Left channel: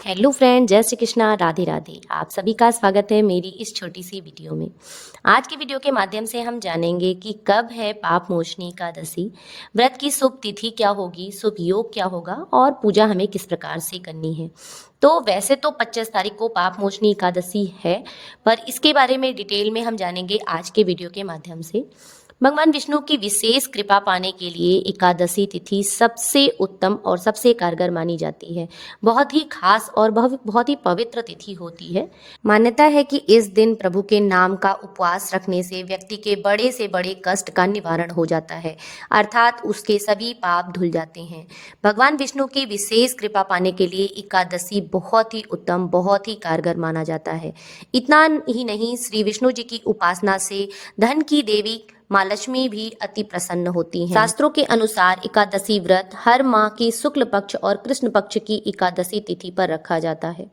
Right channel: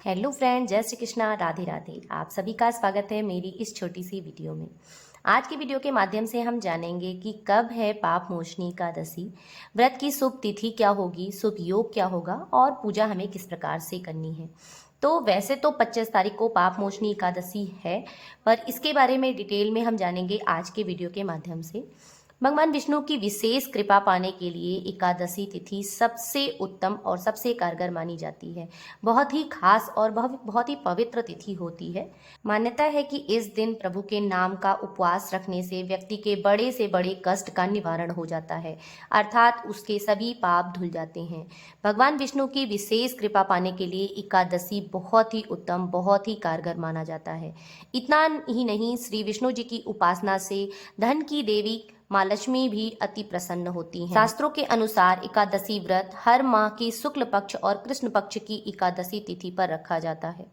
Hello friend, जय श्री कृष्णा, राधे राधे। आप सभी का स्वागत है मेरी इस छोटी सी वीडियो में। आज की वीडियो के माध्यम से हम जानेंगे कि कब है पाप मोचनी एकादशी, व्रत की शुभ तिथि क्या होगी, शुभ योग क्या होगा और पूजा हमें किस प्रकार से करनी है। तो वैसे तो 25 तारीख को पाप मोचनी एकादशी है, पर इसके बारे में डिटेल में हम जानेंगे आज के वीडियो के माध्यम से। भगवान विष्णु की विशेष कृपा पाने के लिए एकादशी तिथि सबसे उत्तम और सबसे कारगर मानी जाती है। बहुत ही खास और बहुत ही पवित्र तिथि होती है। मान्यता है कि इस दिन प्रभु के नाम का उपवास रखने से व्यक्ति के बड़े से बड़े कष्ट का निवारण हो जाता है, अर्थात उसके सभी पाप धुल जाते हैं। भगवान विष्णु की विशेष कृपा पाने के लिए एकादशी बहुत ही उत्तम, बहुत ही कारगर माना जाता है। इतना ही नहीं, श्री विष्णु जी की उपासना से धन की देवी माँ लक्ष्मी भी अति प्रसन्न होती हैं। शास्त्रों के अनुसार एकादशी व्रत हर माह की शुक्ल पक्ष और कृष्ण पक्ष की एकादशी तिथि पर रखा जाता है।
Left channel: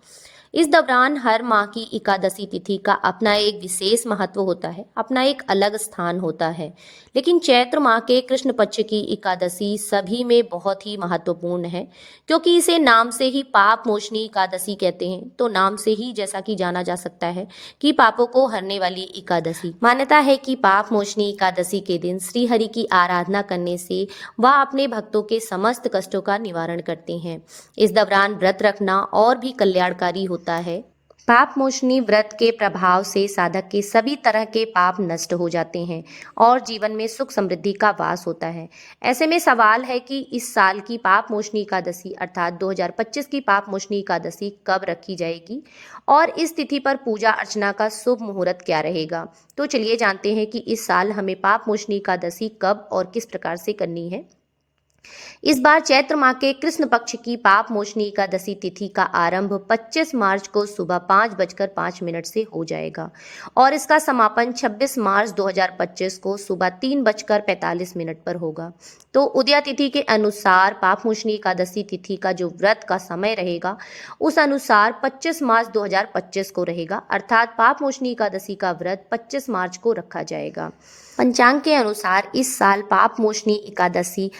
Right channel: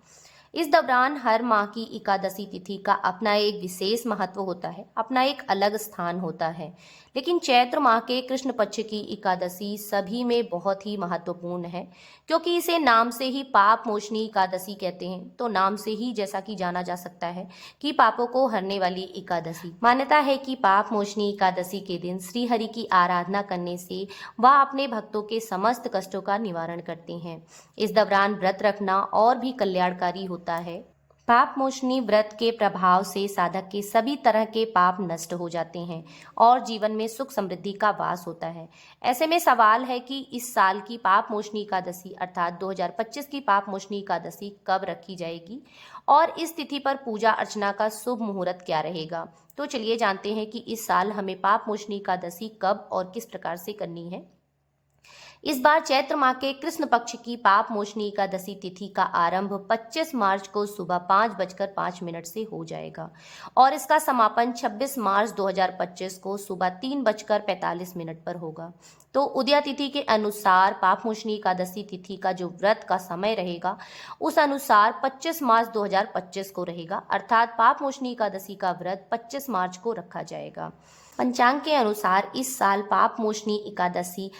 इस दौरान हर माह की एकादशी तिथि का अपना एक विशेष महत्व होता है, अपना एक अलग स्थान होता है। लेकिन चैत्र माह के कृष्ण पक्ष की एकादशी सभी में बहुत ही महत्वपूर्ण है, क्योंकि इसे नाम से ही पाप मोचनी एकादशी कहते हैं। तो नाम से ही जैसा कि जाना जा सकता है कि पापों को हरने वाली एकादशी। मान्यता है कि पाप मोचनी एकादशी के दिन श्री हरि की आराधना करने से वह अपने भक्तों के समस्त कष्टों का निवारण करते हैं। इस दौरान व्रत रखना और भी कल्याणकारी होता है। पाप मोचनी व्रत के प्रभाव से साधक के सभी तरह के पाप नष्ट हो जाते हैं और जीवन में सुख समृद्धि का वास होता है। ऐसे में सवाल है कि इस साल की पाप मोचनी एकादशी अर्थात 2025 की पाप मोचनी एकादशी कब रखी जाएगी और इस तिथि पर पूजा अर्चना का शुभ मुहूर्त क्या रहेगा। तो चलिए जानते हैं कि इस साल हमें पाप मोचनी एकादशी कब और किस प्रकार से करनी है। इस बार चैत्र माह के कृष्ण पक्ष की पाप मोचनी एकादशी तिथि का आरंभ 25 मार्च को सुबह 5:05 से हो जाएगा और इसका समापन 26 मार्च 2025 को सुबह 3:45 पर होगा। तो उदया तिथि के अनुसार पाप मोचनी एकादशी तिथि का जो व्रत का समय रहेगा उस अनुसार 25 मार्च 2025 को रहेगा, अर्थात पाप मोचनी एकादशी का व्रत 25 मार्च को रखा जाएगा। पंचांग के अनुसार इस साल पाप मोचनी एकादशी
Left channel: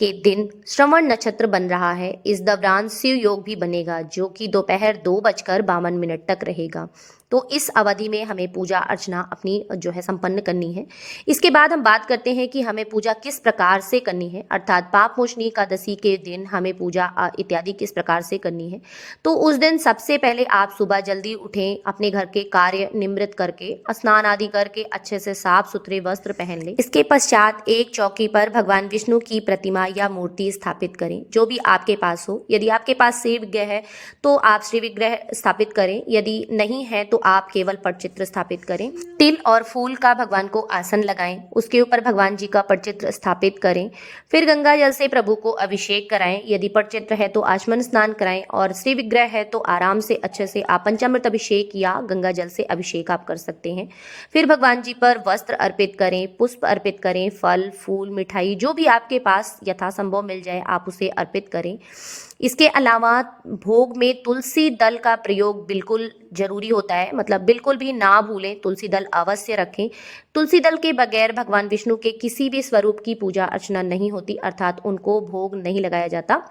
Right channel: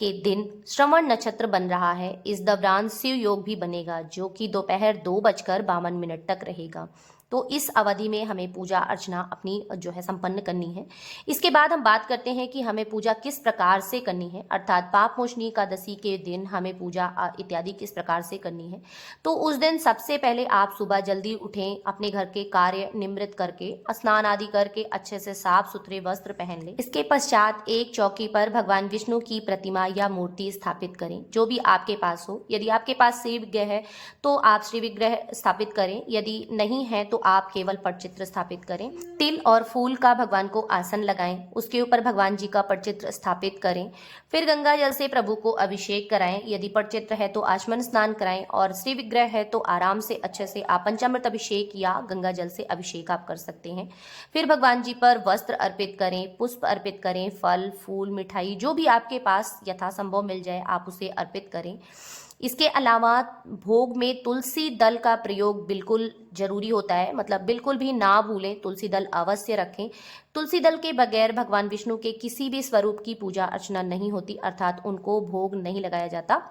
के दिन श्रवण नक्षत्र बन रहा है। इस दौरान शिव योग भी बनेगा, जो कि दोपहर 2:52 तक रहेगा। तो इस अवधि में हमें पूजा अर्चना अपनी जो है संपन्न करनी है। इसके बाद हम बात करते हैं कि हमें पूजा किस प्रकार से करनी है, अर्थात पाप मोचनी एकादशी के दिन हमें पूजा इत्यादि किस प्रकार से करनी है। तो उस दिन सबसे पहले आप सुबह जल्दी उठें, अपने घर के कार्य निवृत्त करके स्नान आदि करके अच्छे से साफ सुथरे वस्त्र पहन लें। इसके पश्चात एक चौकी पर भगवान विष्णु की प्रतिमा या मूर्ति स्थापित करें, जो भी आपके पास हो। यदि आपके पास श्री विग्रह है तो आप श्री विग्रह स्थापित करें, यदि नहीं है तो आप केवल पटचित्र स्थापित करें। तिल और फूल का भगवान को आसन लगाएं, उसके ऊपर भगवान जी का पटचित्र स्थापित करें। फिर गंगा जल से प्रभु को अभिषेक कराएं, यदि पटचित्र है तो आचमन स्नान कराएं और श्री विग्रह है तो आराम से अच्छे से आप पंचामृत अभिषेक या गंगा जल से अभिषेक आप कर सकते हैं। फिर भगवान जी पर वस्त्र अर्पित करें, पुष्प अर्पित करें, फल फूल मिठाई जो भी आपके पास यथासंभव मिल जाए आप उसे अर्पित करें। इसके अलावा भोग में तुलसी दल का प्रयोग बिल्कुल जरूरी होता है, मतलब बिल्कुल भी ना भूलें, तुलसी दल अवश्य रखें। तुलसी दल के बगैर भगवान विष्णु के किसी भी स्वरूप की पूजा अर्चना नहीं होती, अर्थात उनको भोग नहीं लगाया जाता।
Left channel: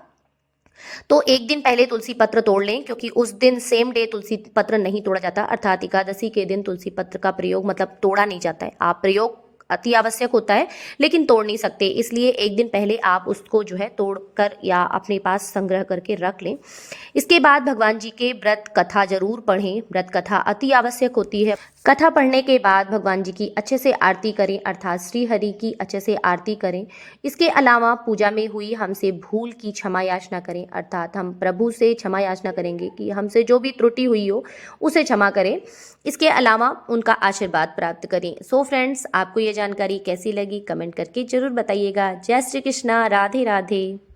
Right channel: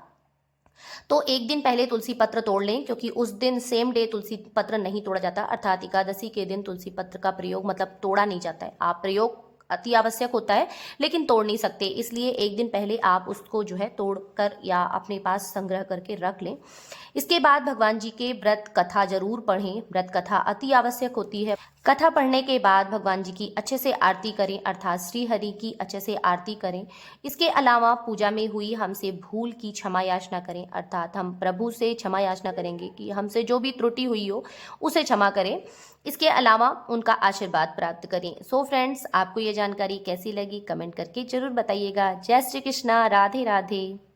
तो एक दिन पहले तुलसी पत्र तोड़ लें, क्योंकि उस दिन सेम डे तुलसी पत्र नहीं तोड़ा जाता, अर्थात एकादशी के दिन तुलसी पत्र का प्रयोग मतलब तोड़ा नहीं जाता है। आप प्रयोग अति आवश्यक होता है लेकिन तोड़ नहीं सकते, इसलिए एक दिन पहले आप उसको जो है तोड़कर या अपने पास संग्रह करके रख लें। इसके बाद भगवान जी के व्रत कथा जरूर पढ़ें, व्रत कथा अति आवश्यक होती है। कथा पढ़ने के बाद भगवान जी की अच्छे से आरती करें, अर्थात श्री हरि की अच्छे से आरती करें। इसके अलावा पूजा में हुई हमसे भूल की क्षमा याचना करें, अर्थात हम प्रभु से क्षमा याचना करेंगे कि हमसे जो भी त्रुटि हुई हो उसे क्षमा करें। इसके अलावा उनका आशीर्वाद प्राप्त करें। सो फ्रेंड्स, आपको ये जानकारी कैसी लगी कमेंट करके जरूर बताइएगा। जय श्री कृष्णा, राधे राधे।